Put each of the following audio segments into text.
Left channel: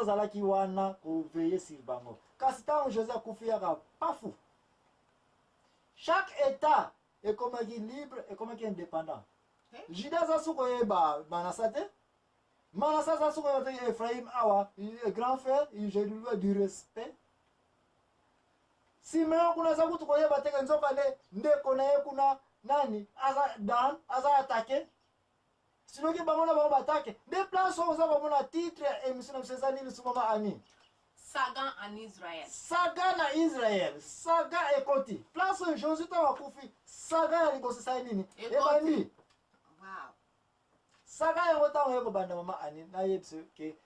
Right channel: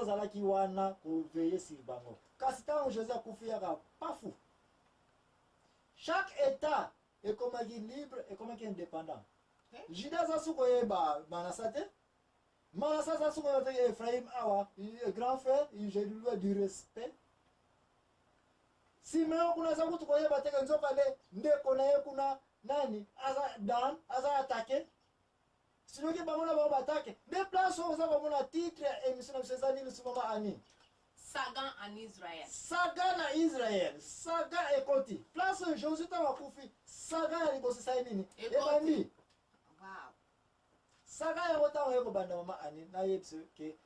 Josué zalaki wana ko veiller sur bango. Kasi tant Josué akufiaka pas fou. Chaque état est comme libre et comme indépendant. Judas zasuko yeba Manasate. Manasseh zasuko yeba Ephraim awa, grand frère, j'ai lui du respect. Simeon kuna zakutu kwa yeba teka nzoka le ndeko na ye kuna nani aza dan aza attaquer. Sinon ki bango na bango attaquer. Des places où ça comme na titre émission na msezani ni sumama ani. Saga en Israël. Saga na Israël. Saga ekoti. Place Josué ta wakufi. Saga ni bosi sai nini? Ebani. Wow. Saga ekota ngeko banda mama ani na yebse ke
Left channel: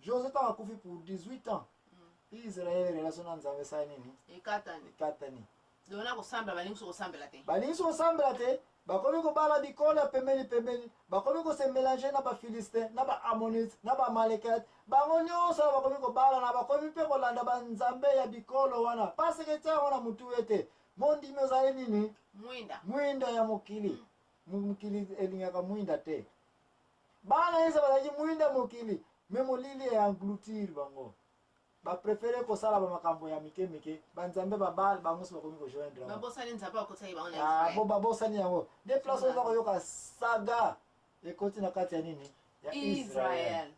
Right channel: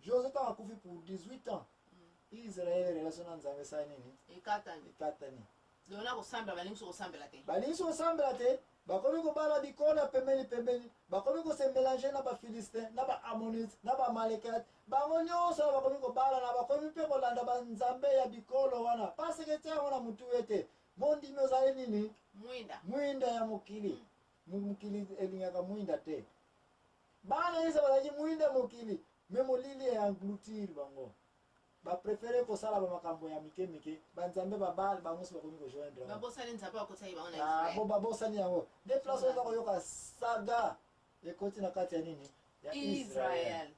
Josué ta wakufi pour 18 ans. Israël relation na nzambe sai nini? Ekatani. Dona kusambela balingi kusambela te. Balingi kusambela te. Bakomi ko bala bikola pembeni. Bakomi ko se mélanger na ba Philistin, na ba Ammonites, na ba Amalekite. Bango nyonso bakomi ko bala na bakomi pe ko landa ba nzambe ya bikolo wana. Parce que tia wana mutu wete. Mondi mezaye nini? Mwinda ya mokili. Mokili elingaka mwinda te. Bana yesa bazaji mwinda mokili. Memo lili ya engloutir bango. Ba préférer ko sala ba makambo ya mike banzambe ba bal bango so bakomi ko joindre babosani nzapa ko tsayi bango na bo babosani yango de place za ko yoka saga e koti na kati ya nini ya Israël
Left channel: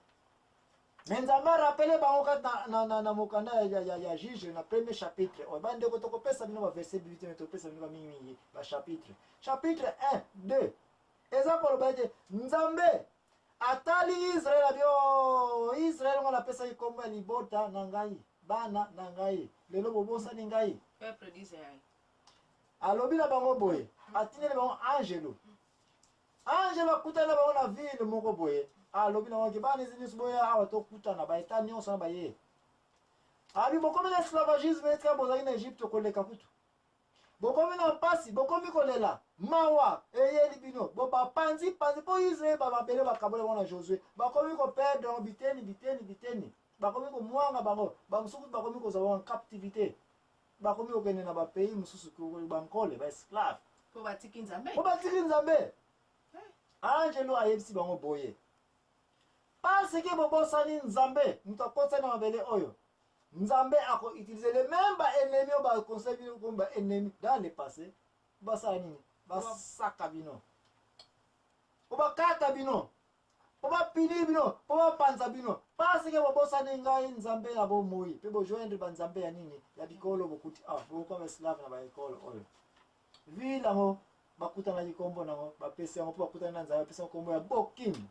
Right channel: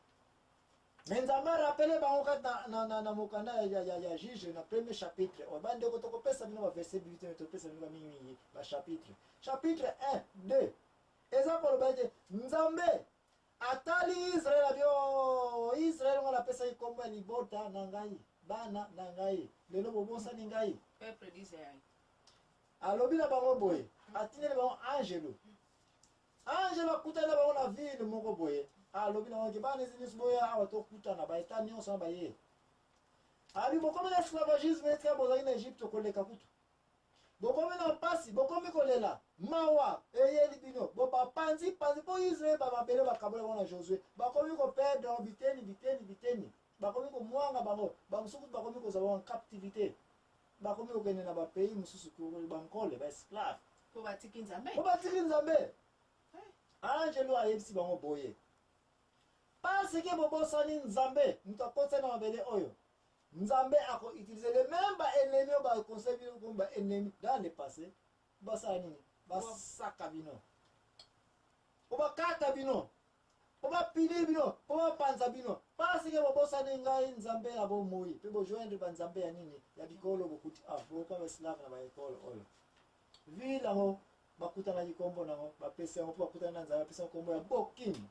Nzambe rappelé bango kat na mokanda ya juge na premier chapitre o bande ko toko pesa bino ba verset 8 mais to pesa bino ba mingi ba chapitre 1 2 eza ko lobaje Nzambe atali Israël bio Israël ngona pesa ikomba libota na ngai bana na ngai lelo bobosa ni ngai peuple d'Israël alobi na bango boye atineli bango angelo akutana bango na ville moko boye alobi na bango bana ezini boye awa to kutana ba eta nyonso na baye ali bokomi na esclavagisme etika bozali na Egypte koleka kutu bokomi na pasi bokomi kolela mawa eyeli bino bo bapanzi po Israël babele bakabole bona Josué bakomi ko perdre biteni bakomi ko mwanga bango bamusuku bakomi ko zawa en captivité bakomi ko kende na ba pays mususu ko bankole ba esclave po batiki Nzambe angelo ayebisi bango boye parce que bobosani Nzambe mutakotsa na mabele oyo Nzambe ako utiliser les mêmes ennemis ba conseil comme ba ennemis dans le passé ba sa nini ba saka bino ba kata bino ba pili bino ba panza bino parce que bobosani ngai Nzambe na bo moyi pe bo joindre ba Nzambe ya nini ya bikolo bokuti bo comme esclave na ba école oyo vila ngo bakutana likombo nango ba pesa ngo bakutana na Nzambe pesa kombo ya Bokim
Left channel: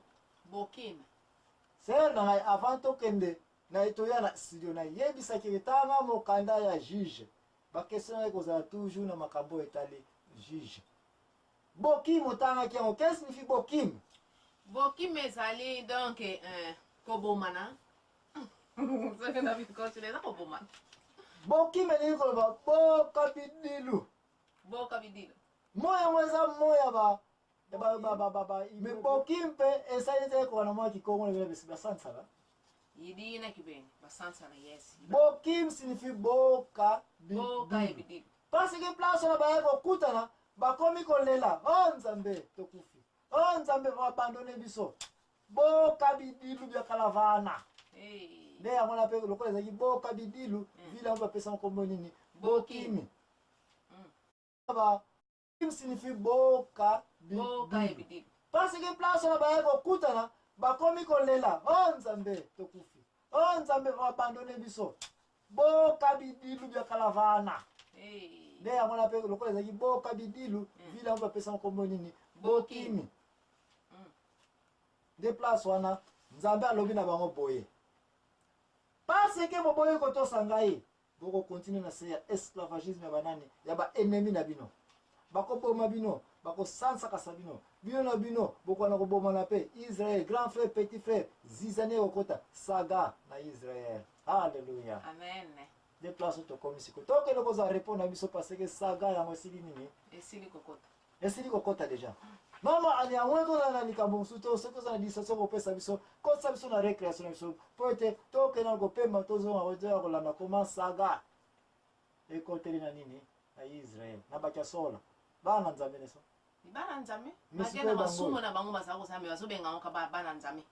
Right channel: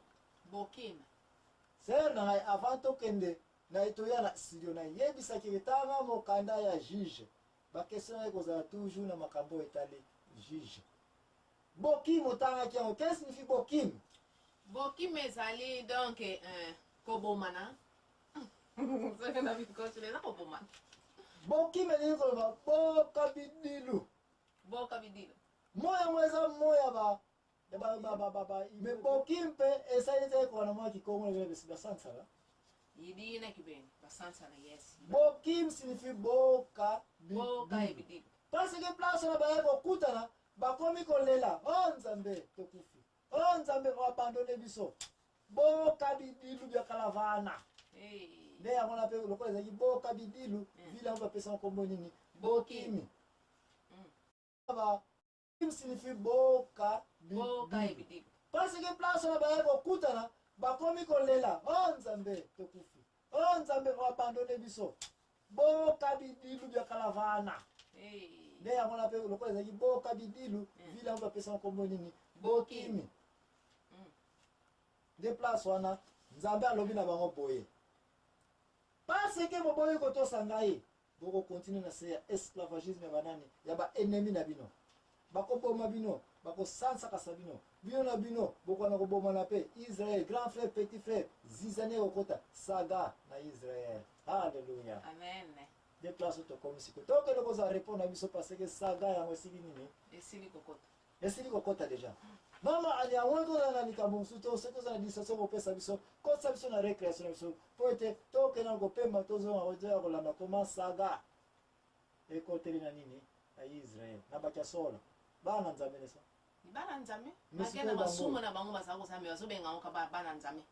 c'est na ngai avant to kende na etoya na studio na yebisa kitanga mokanda ya juge ba question eko za toujours na makambo etali juge Bokim otanga kiango qu'est-ce signifie Bokim ezali donc kobomana ça que David continue na kobomana Bokim ni ko ba bokabidilu moya mweza moya ba me Bokim pe esaite ko na mwa kikongo le besi basansala Yidina kibeni basansa na yes Bokim signifie bokabidilu parce que place na ba ko kutana bakomi kolela Nzambe tokufi Nzambe abandonne biso bokabidilu bya kalavana nde yango na pe lokola ezaki bokabidilu vila ngo pesa nkombo nini Bokim ba signifie bokabidilu parce que place na ba ko kutana bakomi kolela Nzambe tokufi Nzambe abandonne biso bokabidilu bya kalavana nde yango na pe lokola ezaki bokabidilu vila ngo pesa nkombo nini Bokim de place wana Nzambe alobi na bango boye parce que boboye ko to sangai boko continue na se esclavagisme ya banani ya ba ennemi na bino bako boma bino bako sansa kasabino bino na bino boko na ko boma na pe Israël grand frère petit frère zizane okota saga na Israël alléluia amen de place to komisi ko to ke no ko za répondre na biso parce que saga ya ngosili nini esili kokota déjà mama ali amweko na likambo musuto soko za disaso ko pesa biso ko sa biso na récréation biso pote to ke na ko pema to zo ngoja ko landa koma saga e ko tele na nini na Israël na bakia sola bana Nzambe neso bana Nzambe bakia masumo na bango masako sa me baso benga ngo ka bana Nzambe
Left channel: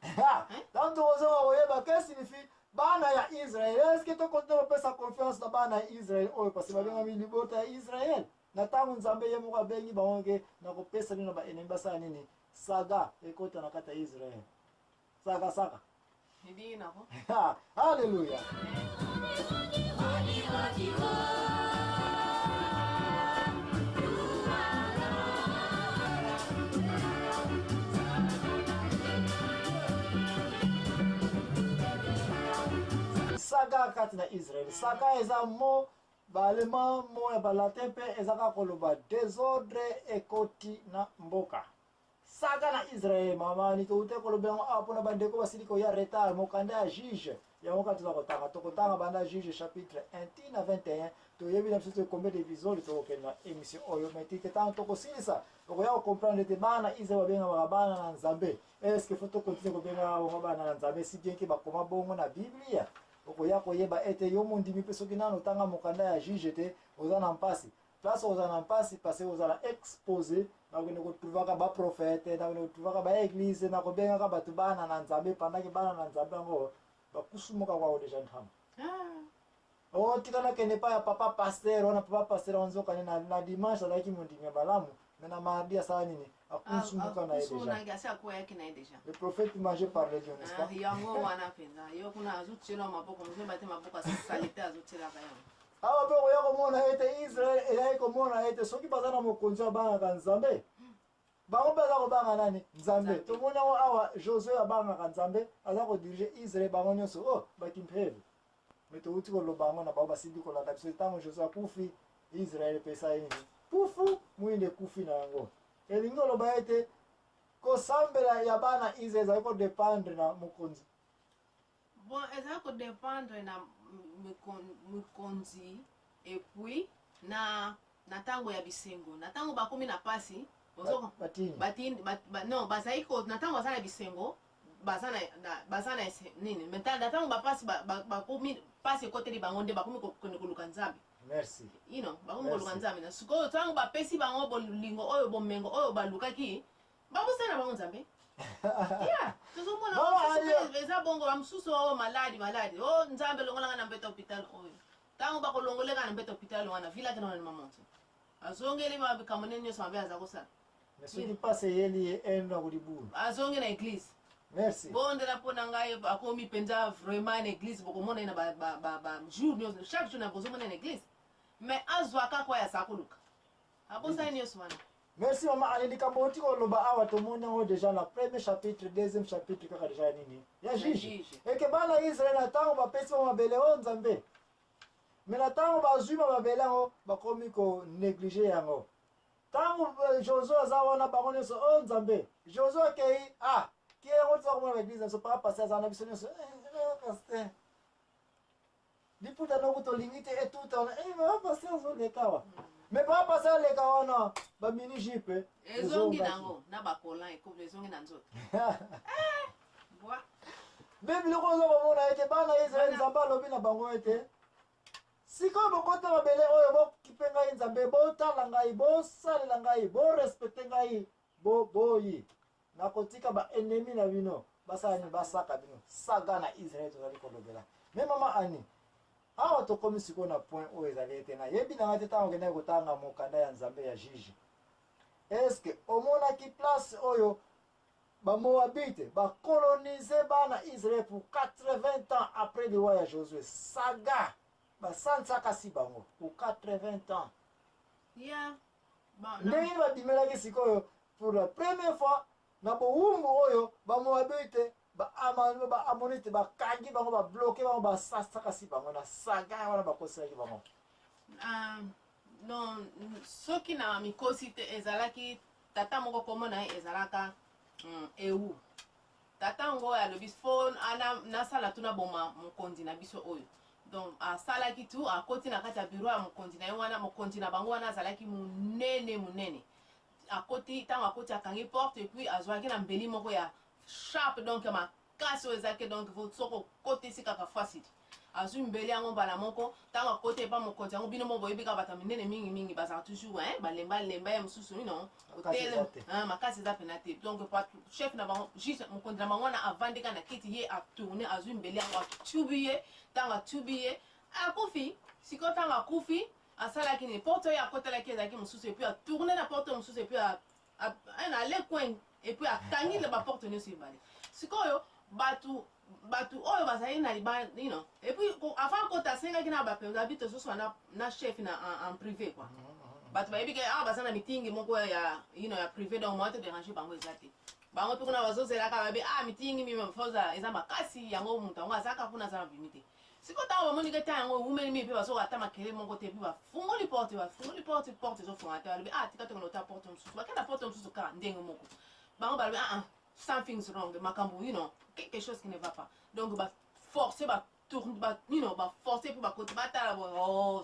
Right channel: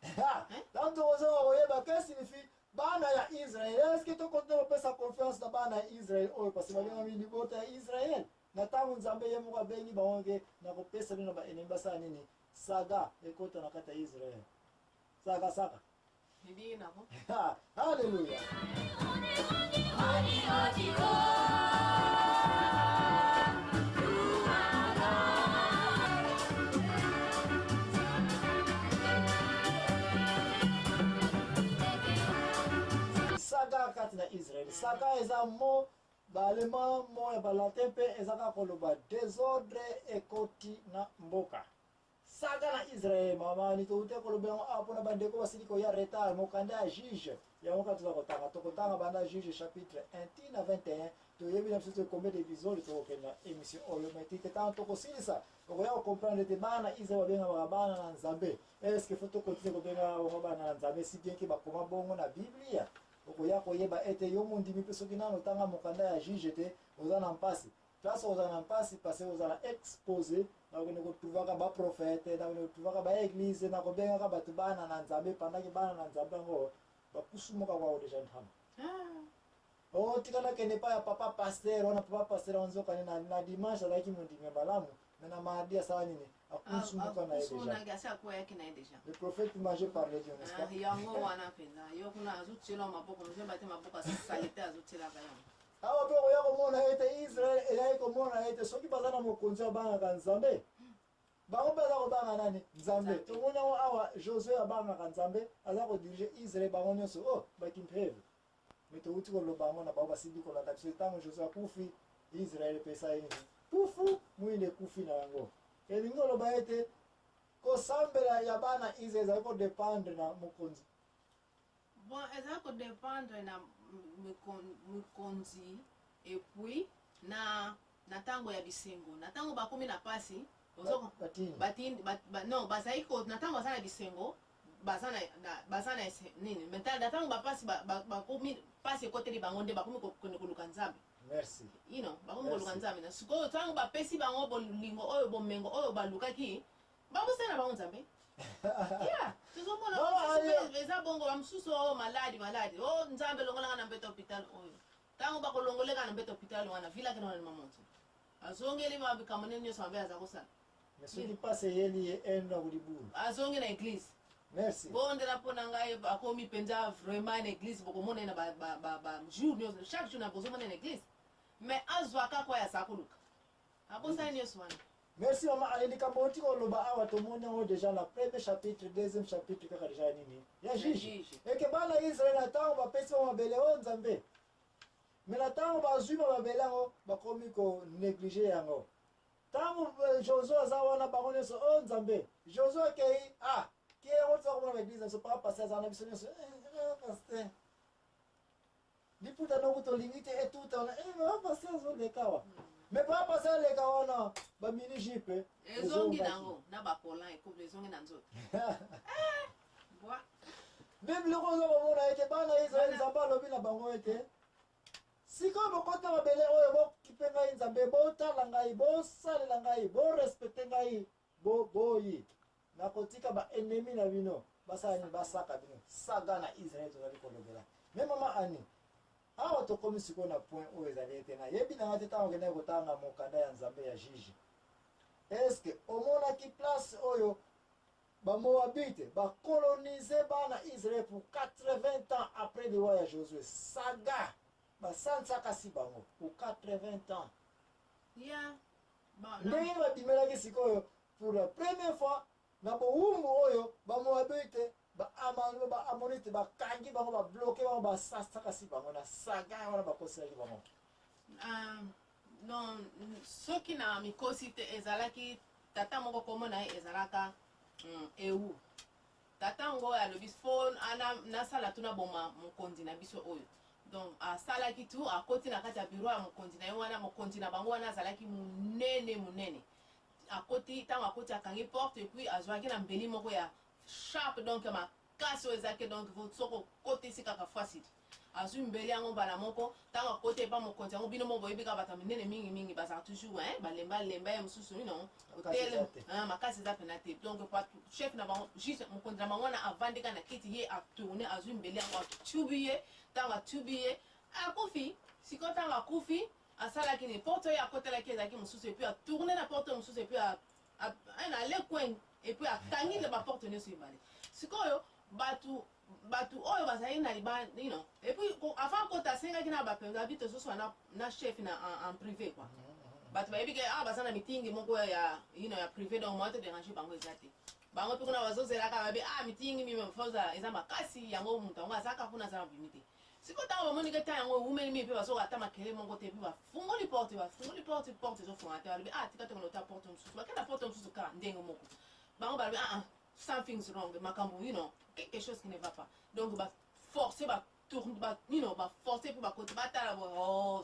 donc ozo oyeba que signifie bana bana Israel oyo parce babenga libota ya Israel na tangu nzambe ye moko abengi bango ke na kopesa bino ba enemi basala nini saga ekota na kati ya Israel saka Idi nako. Hallelujah. Saga kati na Israel. Saga eza mo balema mo ya balatin pe ezaka koloba désordre ekoti na mboka. Saga na Israel mama ni to ute koloba ngo apo na bandeko basiliko ya retard mokanda ya juge ya moka tokotanga banda juge chapitre 1 tina 21 to yebi na biso combien de visions to okena émission oyo metike tant to kosilisa okoya comprendre te bana Israel babenga bana na Nzambe. Est-ce que faut to continuer ko benga bana na Nzambe si bien que bakoma bongo na Biblia okoya koyeba ete yo mondimi pe soki nano tanga mokanda ya juge te oza na mpasi place oza na mpasi parce oza na exposé nakende kotruvaka baprofete nakende kotruvaka baeglise nakobengaka bato bana na Nzambe pendant bana na Nzambe yango bakusumuka kwao deja ntama otikana kende pa ya papa pasteur ona papa pasteur onzokane na dimanche azalaki mondimi ya balamu mais na mardi asala nini akusumuka na ye deja le prophète mangé par les dieux n'est-ce pas yango wana penza yo kuna azutshela maboko mzee bate maboko salite azutshela ka yango awa pe oya komona ete Israel eyai komona ete soki baza na mokonzi abangaka Nzambe bango mpe aza kobanga nani Nzambe tomoni yango awa Josué abangaka Nzambe aza kodirige Israel bango nyonso bakimpeve me touti koloba yango na bango basili kolanda biso ntango Josué akufi Israel epesa ye nini pufu mwinde ekufi na yango elingi oloba ete kosambela ya bana Israel ezali kodependre na mokonzi bon ezali kodependre na mokonzi epuis na ntango ya bisengo na ntango bakomi na pasi non bazali na ntango baza na bisengo baza na nini mental na ntango bapasi bakomi pasi ekoteli bango nde bakomi koluka Nzambe. Merci. You know, bakomi koluka Nzambe na sikoyo ntango bapesi bango bolingo oyo bomengo oyo balukaki bamosala bango Nzambe. Yeah, tozomona eza bongo bamosusu oyo maladi Nzambe longolanga na mbeto hôpital oyo ntango bakolongoleka na mbeto hôpital wana vilaki na mamonzo azongeli mabikambo nini nyonso mabe aza kosala mais soki pasi eyeli ye ena kolibulu azongi na église. Merci. Bondela mpona ngai bakomi mpenza vraiment na église bokomona na jour nyonso chaque jour na bozomona na église mais azwaka kwa ya sakuluka abosani nyonso wana. Merci maman alendika bonti koloba awa tomoni yango déjà na premier chapitre deuxième chapitre kaka déjà nini ya juge eke bana Israel na ntango bapesi bango mabele oyo Nzambe me na ntango bazwi mabele yango bakomi konéglige yango ntango Josué aza wana bango nyonso oyo Nzambe Josué akei ki yango toza komona na église naso papa pasteur aza na biso nyonso pasteur liputa noko tolingi te etuta wana papa pasteur azoleka wa mais papa pasteur aleka wana bamini jipe ezongi nango na bakolan ekomi ezongi na nzoto Bible oza komona ete bana Israel Nzambe alobi na bango ete sikoyo bokota mabele oyo bokipe ngai Nzambe botala ngai bosalela ngai borespecte ngai boyi nakotika baennemi na bino basala nini basaka bino saga na Israel tozali kolobela me mama ani awa tokomi sikoyo na point oyo ezali ete nayebi nanga te ntango okendaki kotanga mokanda ya Nzambe ya juge eske omonaki place oyo bamoabite bakolonize bana Israel pour 80 ans après le roi ya Josué saga basansaka si bango pour 80 ans ndenge nini babimelaki sikoyo pour la première fois na bowumbu oyo bamoabite baamonite bakangi bango babloke bango basasaka si bango na saga wana bakoselaki bango non soki na mikosi te ezalaki tata moko komona ye ezalaka ewu tata ngo alobi fo nasala tuna boma mokonzi na biso oyo donc asalaki tu akoti na kati ya bureau ya mokonzi na ye wana mokonzi na bango wana azalaki munene akoti ntango akoti akangi porte et puis azwaki na mbeli moko ya sharp donc ya makasi oyo ezalaki donc soko kotisi kaka fasili azwi mbeli yango mbala moko ntango akoti epa mokonzi yango bino mo boyebi kaka bato minene mingi bazala toujours balemba ya mosusu ino makasi eza pena te donc chef na bango juste mokonzi na bango wana avandika na kiti ye atourne azwi mbeli yango atubi ye ntango atubi ye akufi sikoyo ntango akufi asalaki ni porte oyo akotelaki ezalaki mosusu epuis atourne na porte mosusu epuis ale coin epuis akangi baporte nyonso ebale sikoyo bato oyo bazali na libala epuis avant akota asengaki na bapenza abi tozoswa na chef en privé quoi bato bayebi ke awa baza na mitingi moko ya privé donc moya todérange bango eza te bango mpe kuna bazozelaka babi mitingi mimefoza eza makasi yango moto yango azaka mpona aza na bimi te siko ntango bamoni ke ta yango umeli mi mpe bazoka ata makele moko te mpe bafungoli porte ezofunga te balobi tika tokona ota porte mosusu bakenda porte mosusu kaka ndenge moko bango balobi something's wrong makambo quelque chose qui ne va pas donc baforce baforce mpe bakoti batala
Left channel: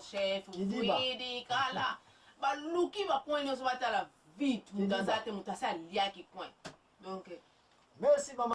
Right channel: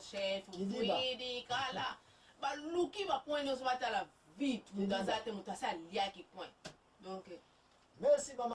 chef widi kala baluki bacoin nyonso batala vite moto aza te moto asi aliaki coin donc merci mama